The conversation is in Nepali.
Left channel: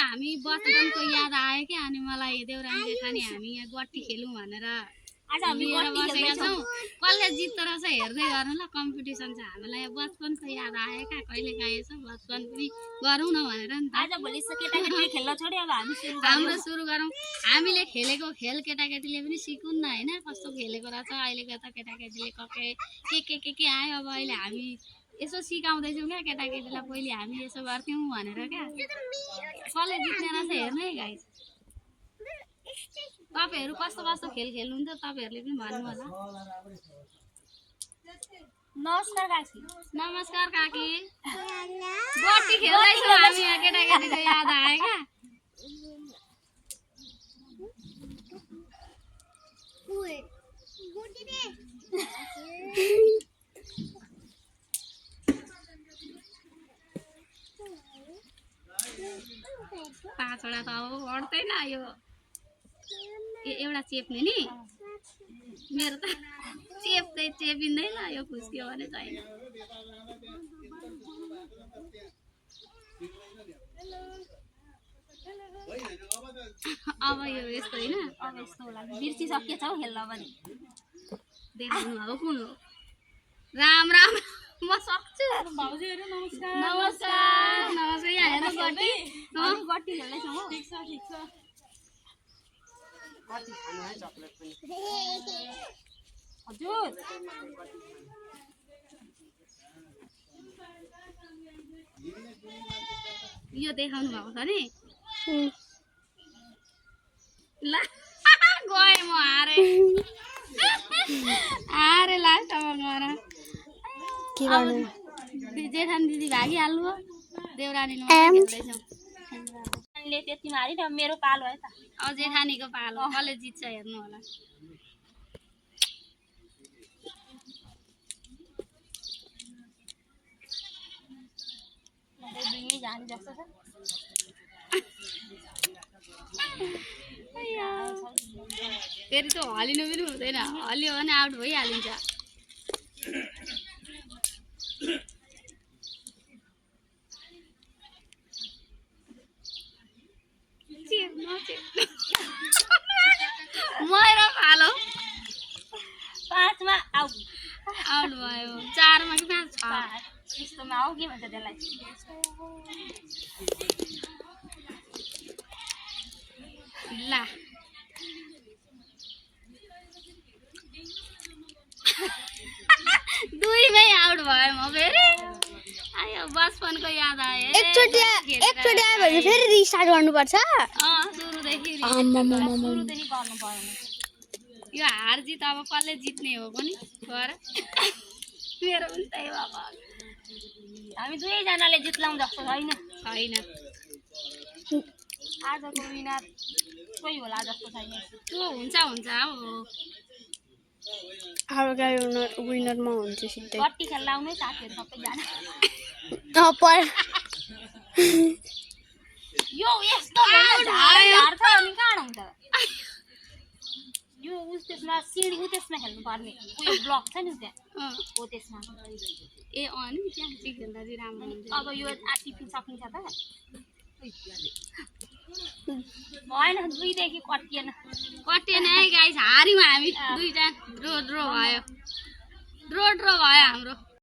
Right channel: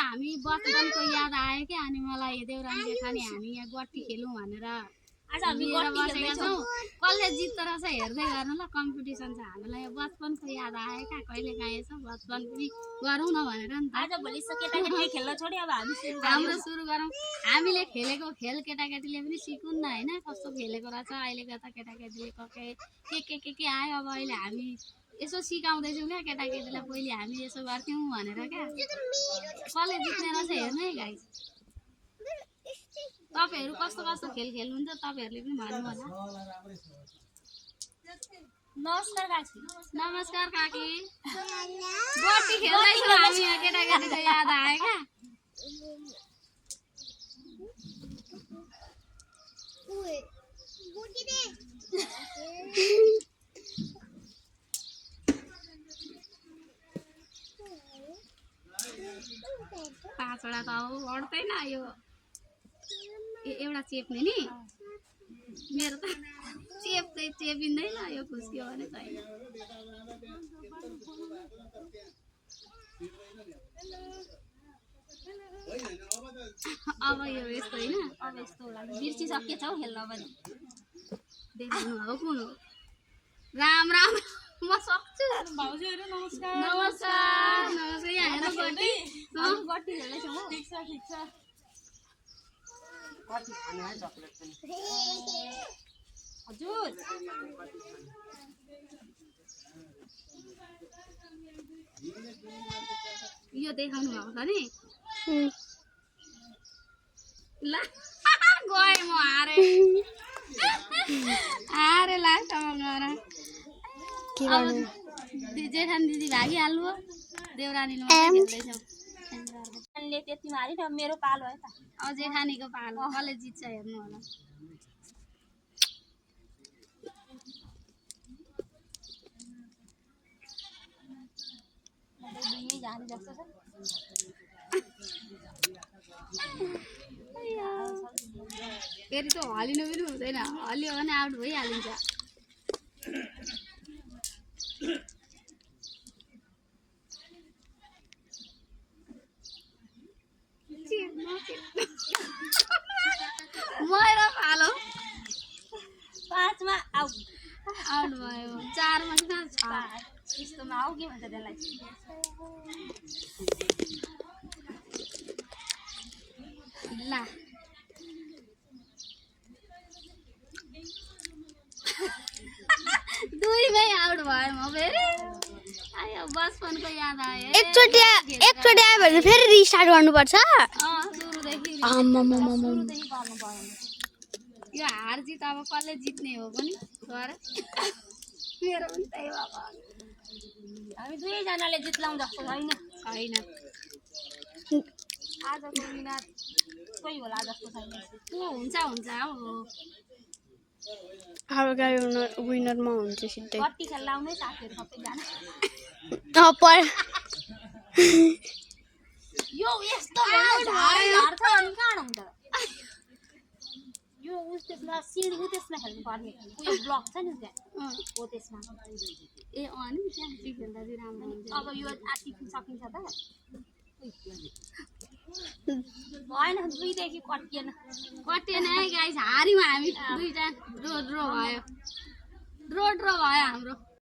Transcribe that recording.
हामी बचपनको याद आयो क्या अनि मलाई देउरानी जेठानी हामी यहाँ गट्टी खेलौँ भनेर आज हामी गट्टी खेल्दैछौँ कसले जित्दो रहेछ हेर्दै गर्नु ल कम्पिटिसन छ हामीलाई बचपनको याद आयो क्या कहिले काहीँ यसो बचपन पनि गरौँ न भनेर नि त आज भोलि केटाकेटीले खेल्न छोड्यो अब हाम्रो सुरु गरौँ हामीले खेलेको खेल केटाकेटीले पनि सिकुन् न होइन कस्तो खेलेको रहेछ अहिलेको त केटाकेटीले के आयो अब अहिले हामी यसो सिकाउँदैछौँ क्या केटाकेटीलाई पहिले हामी यसो गर्थ्यौँ भनेर क्या कसले जित्ने रहेछ हेर्नु है गाइस तपाईहरु कस्तो कस्तो खेल खेल्नुहुन्छ तपाईहरुले पनि भन्नु होला नमस्कार काकी नमस्कार काकी गट्टी खेल्दैछौँ हामी केटाकेटीको याद आयो क्या पाँचवटा त अब बढ्दैन यो एउटा चेप्ने नि मेरो त चेपिँदैन यो खुस्क्यो भने छैन अब यो यस्तो होइन अब यस्तो होला बिर्सिसकेछ हौ खेल्न पनि देखाउनु अब कुन हो राम राम म सक्छु भाउजूहरु नमस्कार नमस्कार नमस्कार यहाँ हेर्नु गट्टी हामी गट्टी खेल्दैछौँ हो ठिक छ कति खानु है चकलेट पनि हजुर यो देखाउनु भएको छ नि ल गए म हारे लास्टमा गएर के गर्नु जेठानी दिदी भागिहाल्नु हो देउरानीले खेल्दैछौँ ले त्यति मारि न मेरो पालो है त अब जेठानीको पालो कसले जित्छ हेर्नु होला दुई जाने जस्तो छ फेरि त हलिनु पनि हुँदैन हलियो भने आउट भइहालिन्छ मेरो पालो 5 मा आउट भयो 4 मा कि 5 यस्तोमा आऊ के भन्छ त्यसलाई ल दुईमै आउट भयो म फेरि आयो बचपनको याद आयो एकचोटि आयो भने फेरि रिस्टार्ट गर्नुपर्छ सुरुदेखि सुरुदेखि गर्नु पर्यो यो हार जित अब कसले जित्ने हो पनि गर मेरो पनि त्यही भएको हामी दुवैजनाले जित्लाउँ जस्तो छैन आजको विनर कोही होला जस्तो छैन त्यो हुन्छ अब अर्को विनरमा हुन्छ सिधै गट्टी खेल्न आउनु साथीहरू सबैजना यो यस्तो झार्छ अनि कहाँ हुन्छ यो उस त्यसमा सिडी उ त्यसमा खेल्नु पर्ने उयो ब्लक छ नि त्यहाँ हो त्यसमा ए अनि त्यहाँ चाहिँ खेल्दा चाहिँ राम्रो हुन्छ अब यो आटिफिन सकिन्छ त भएन दुईदेखि कटिएन है गाइस हार्यौँ हामी दुईजना ड्रो भयो हाम्रो